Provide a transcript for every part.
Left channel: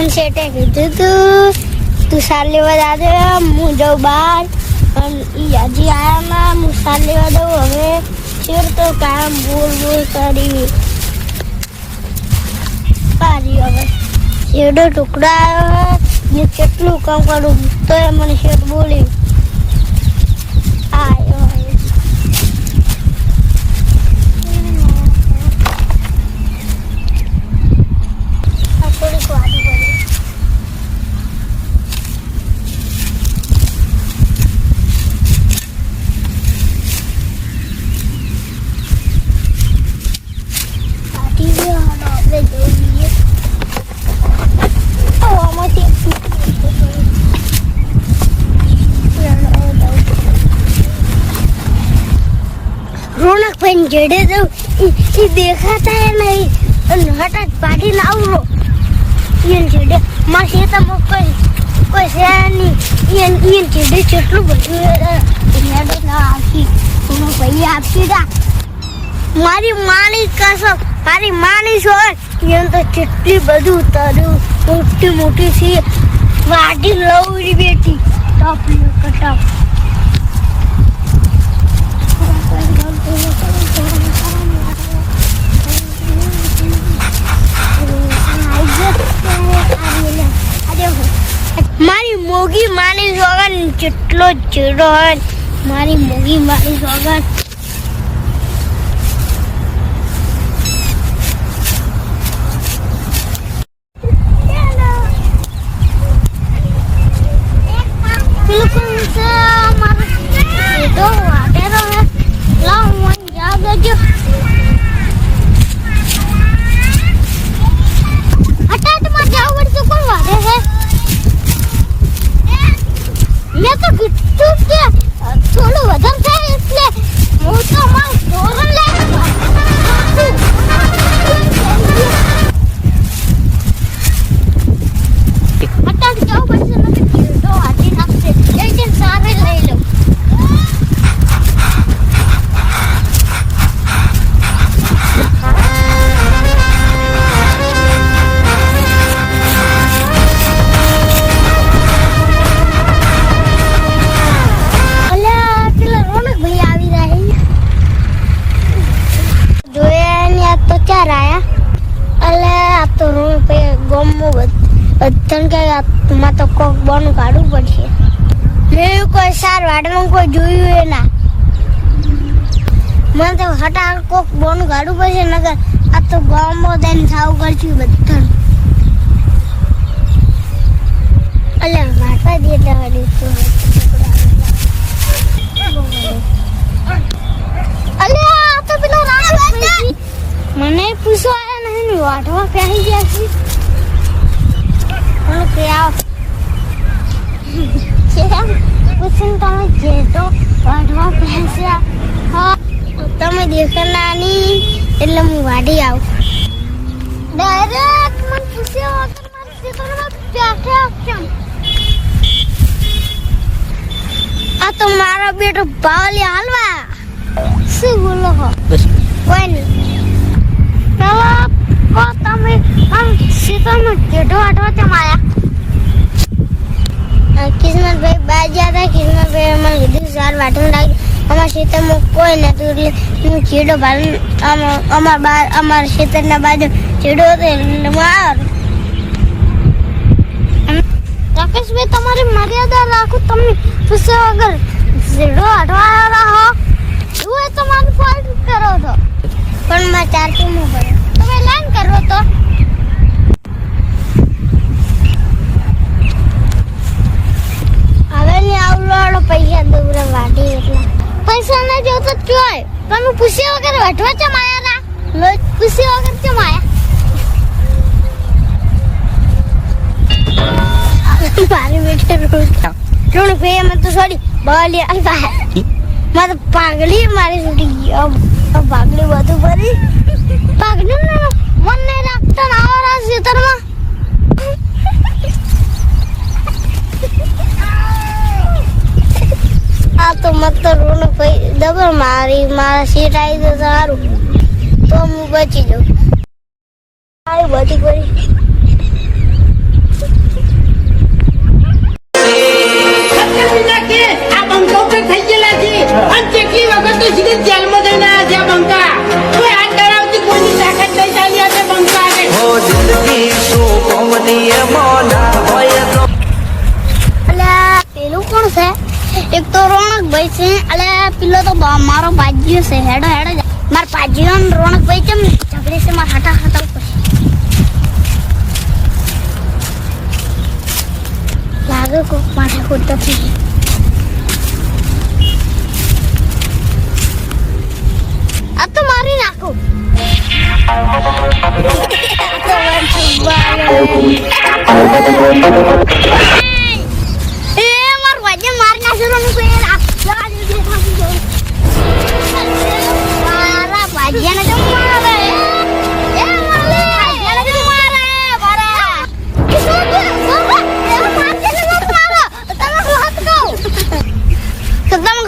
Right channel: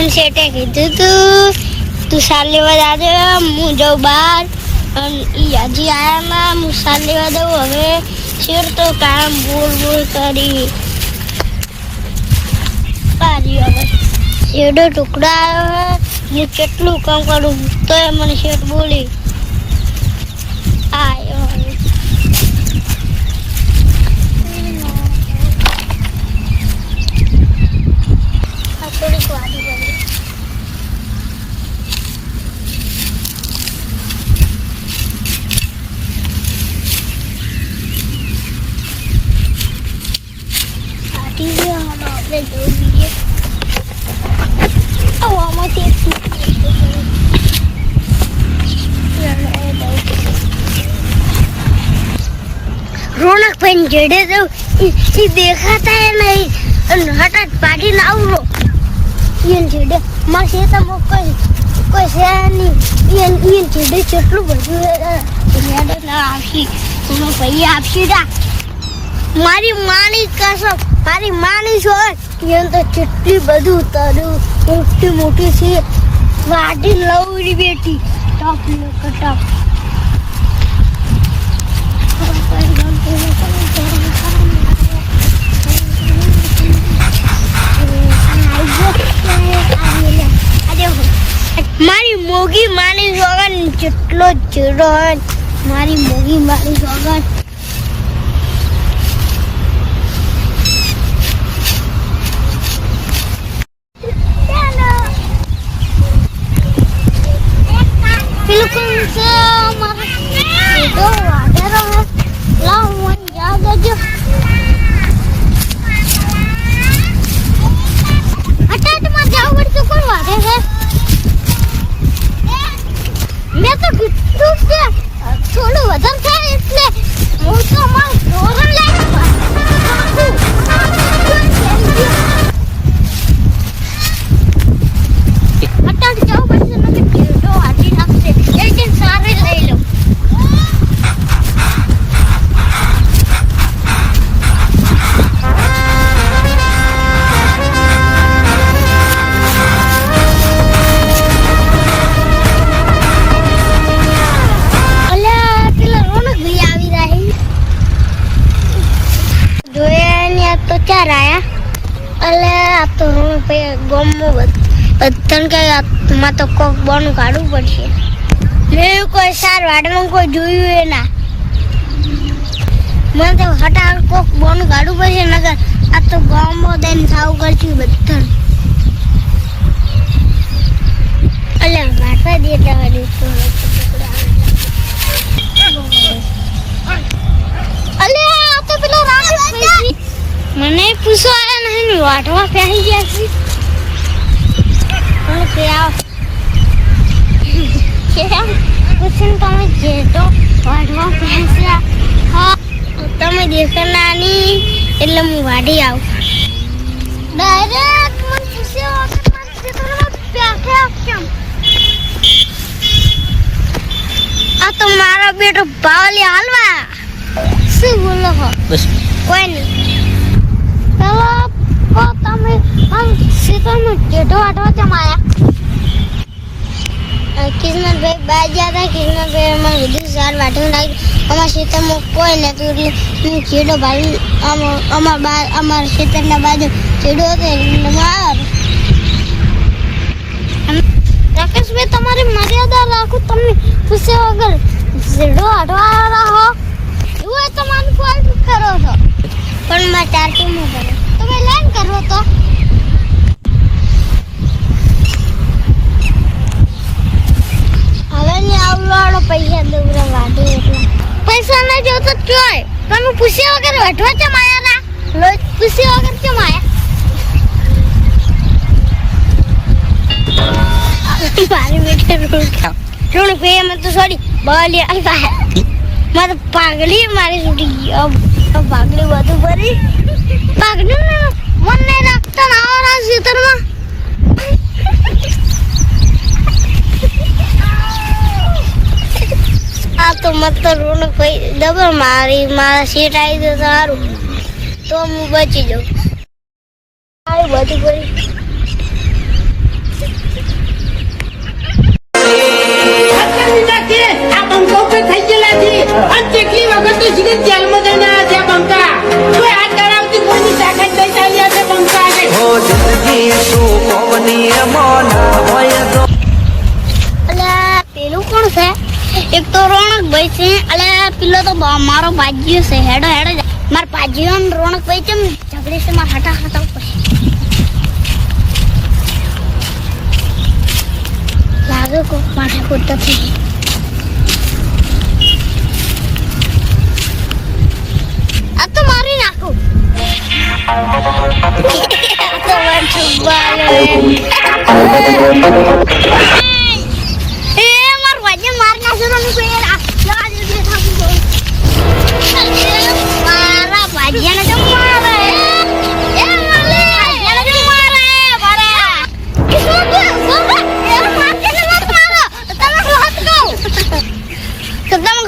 મને શેઠે કીધું તું સાર લેવા જાજે, હું જાઉં બહાર અને હજી આયામાં હું સાર લેવા દઉં. હવે શેઠ તો કામ બોલ કરી પારી. હવે શેઠો ટુકડા આવ્યો હે, કેટલું કામ કરું તો એ મને શેઠ બોલી આવ્યો. થોડીક વાતો કરી. કાઢી ગયો. હાલો આપણે જવું બીજે. આમાંથી રોનકભાઈ જેડે જવું એ દેખાતા નહીં અને હઠાત પાડીને આવરો જેડે મારા ખેતરમાં કોઈ છે નહીં. જેડે જેટલું બધું આવશે ભાઈ આપશે. મારી માની કસમ, મારી માની છોડ તો જેટલી બધું તર્યું મોટી મોટી છે વાટી લવરી બેટી ટપ ટપ. મારી મોગી માની સોગન જેટલો ચીડો હોય મારી મોગી માની સોગન. પેલું છે મારો સીધો વાટેરો હે. લાવ મને જા દેજો. હટાટમાં જાવ પડશે. કોણ વાટે છે? મેં તો કીધું કે થોડું વધારે થાય એટલે હું તો મારું ધોરણ લાગે. હટાટ જાવ પડશે નથી કીધો વાટી નાખશે. એક સારે લઈ લો. માં તો કોક બોનું કાઢવું પડશે. મેં કોઈ સાર વાડમાં કોઈ જોયું એ ના. મને તો હટાણ કોક બોનું કાઢવું પડશે. નગર આ તો ગામમાં દઈને સાવ કરશું બધા. અલ્યા વાટા દે અલ્યા તો પેલા રાકેશ ભાઈ મને પૂછો આયા નહીં વાટવા પહેરી ગયા છે. તમે જેટો વાઢવા પહોંચ્યા હા તમે દેખના નહીં એટલે હું વાઢી આવું. ડાયરેક્ટ મને પૂછ્યા વખત મારા ખેતરમાં બેઠા કેમ? આ તો મારો બેટો બાવલી હાલવા. શું બોલો હો? બસ કોઈ નહીં. ચાલો કો તમે આમ ખેતરમાં જેટો વાઢવા કેમ આવ્યા? કિસ્મતભાઈ બહાર ગયા હતા. કિસ્મતભાઈ અમારે બધું સાર વાટવું લાગ્યું. અમારા ખેતરમાં કોઈ નતું એટલે હું ચેડો ભાડું અમારા ખેતરના બાજુ ચેડો હતો એટલે માર. રાકેશભાઈ તમારી મર્યાદા રાખો. તમે પૂછ્યા વગર ચેડો વાટવા રહો એવું એ તો મારું ફોલ્ટ કરો છો. પણ મારે 4 ટીમો પડે તમે લાઈન કરો તો હવે ને આવવાળો પૈસા દોરા વાટી એટલા પૈસા ના જોતો જોય. તમે પૂછ્યા વગર વાટવા કેમ આયા ના? લો પૂછ્યા વગર કેમ આયા? મારી બેટે રોડ ભાઈ અમે તો સોરી બોલી આલ્યા. મારે પાઘડી મારી છૂટી ગઈ. પાઘડી બધું ભરી પાઘડી ને મને રાખતા ના આવરા ખેતરમાં. આ તો મત રોનક ભાઈ ડબલ મારા સીટ આવી તો સારું તો હું બચી જાઉં. બધું કરી થઈ ગયેલા છે અને કેટલી વખત તો સીધે જેલમાં જઈને આવ્યા છે આ બંકા કોઈ હાથ ધરાવતી કોઈની તાકાત નહીં ચાલી આ બંકા આગળ હો જિંદગી શું કોમની એમાં ના હોય તો અલ્યા પેલું કોણ છે એક તો રોણકભાઈ છે અલ્યા પેલો તો મારો ભાજીયો છે હેડો હેડો માર ભાજીયો ને રોણકભાઈ કેમ ઝઘડે છે માર હટા હટા ઉપર લાગે કો માથા કૂદતો થઈ આ તો મારી નાખું તો વંશુબાલે મારા ભાજીયાને તો મારે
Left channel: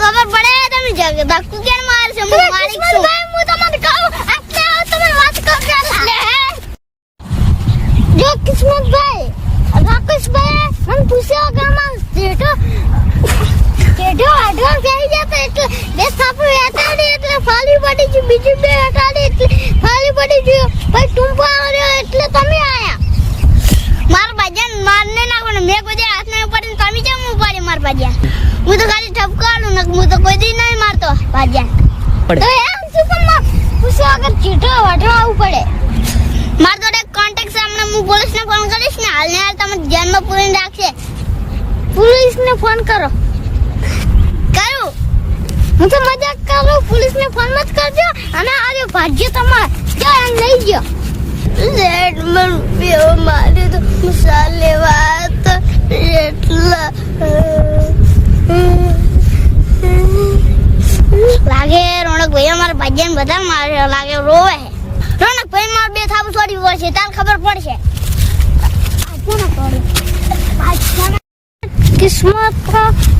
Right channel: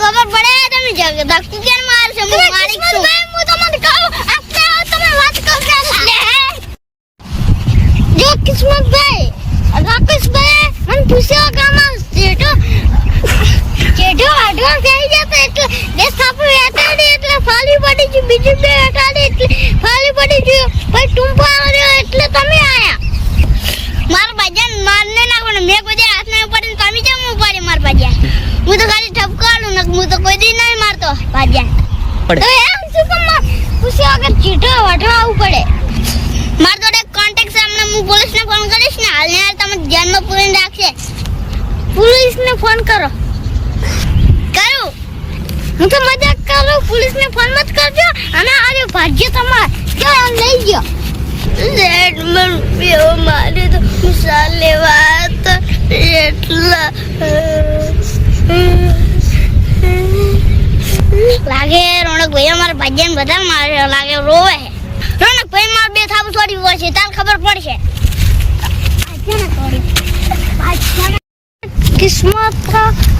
ખબર પડે તમે ધક્કુ કેમ મારશે હું માલિક છું હું તમને કહું તમે વાત કરો જો કિસ્મતભાઈ રાકેશભાઈ મને પૂછ્યો કે આમાં જેઠો આઢવા થઈ જતો એટલે બે થાપો વેટાડી એટલે ફાલી પડી ગયું બીજું બે વેટાડી એટલે ફાલી પડી ગયું ભાઈ ટૂંપા આવ્યો એટલે તમે આયા મારા ભાજ્યા મારને નાખો ને મેં કોઈ હાથ નહીં ઉપાડી તમે કેમ ઉપાડી મારા ભાજ્યા હું તો ખાલી ઠપકાડું ને હું તો કોઈ દી નહીં મારતો ભાજ્યા તો એમ શું કામ પૂછ્યો કે ચીઠો વાઢવા આવવું પડે માર જોડે કોન્ટેક્ટ છે હમણાં હું પોલીસને ફોન કરીશ ને હાલને હાલ તમે ધ્યાનમાં પૂરીને રાખશે પોલીસને ફોન કરો કરું હું તો મજાક કરું પોલીસને ફોન મત કરજો અને આરે ભાગ્ય તમાર જો એમ લઈ ગયો લેટ માં રૂપિયો મારે તો મુસાલ લેવા તો એટલા લાગે રોણકભાઈ અમારા ભાગ્યને બધા મારે લાગે રોવે રોણકભાઈ માર બે થાપ છોડી હોય છે તાર ખબર પડશે કિસ્મત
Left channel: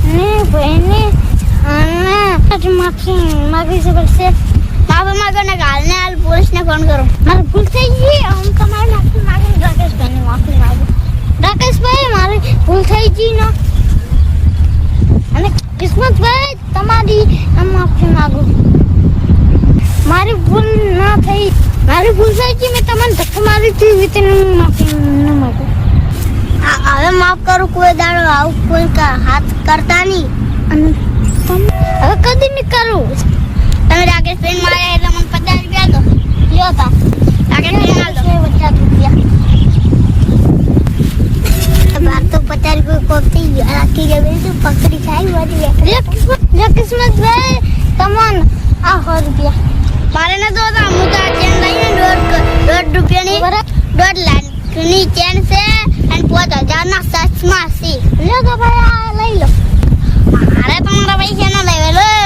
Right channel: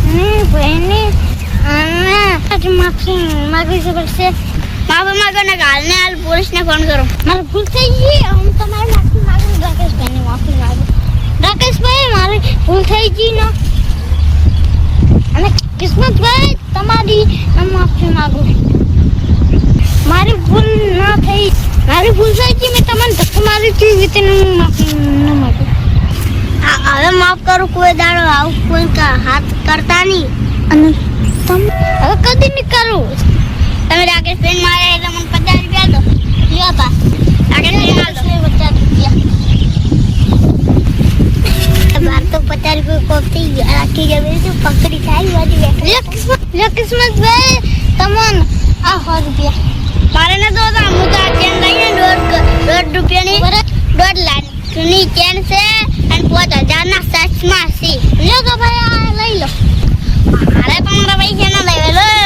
ને ભાઈને અને માફી માગવી છે પડશે માફી માગો ને હાલને હાલ પોલીસને ફોન કરો મારે ભૂલ થઈ ગઈ હું તમારે માફી માગું રાકેશભાઈને માફી માગું રાકેશભાઈ મારી ભૂલ થઈ ગઈ ને અને કિસ્મતભાઈ તમારી માફી માગું મારી ભૂલ ના થઈ મારી ભૂલ થઈ ગઈ મેં તમને ધક્કો મારી હતી રીતે માફી ન માગું હવે માફ કરું કોઈ દાડો આવું કોઈ હાથ કરતા નહીં અને હવે કદી નહીં કરું તમે રાકેશભાઈ મારે એટલે મને 50 રૂપિયા દો લ્યો તા રાકેશભાઈ માર દો 50 રૂપિયા બાર તો 50 રૂપિયા કોપતી ગયો રાખી ગયો તો પકડી ખાઈ વાજી લે કિસ્મતભાઈ તમને આ 100 રૂપિયા મારે ન દો તા હું તો આ ચેન લઈને 1.5 રૂપિયાની 1.5 લાખની ચેન છે અને 5000 ના સચમાં છે લ્યો તો ભાઈ આ લઈ લો મારે તમારા પૈસા ના લેવે લો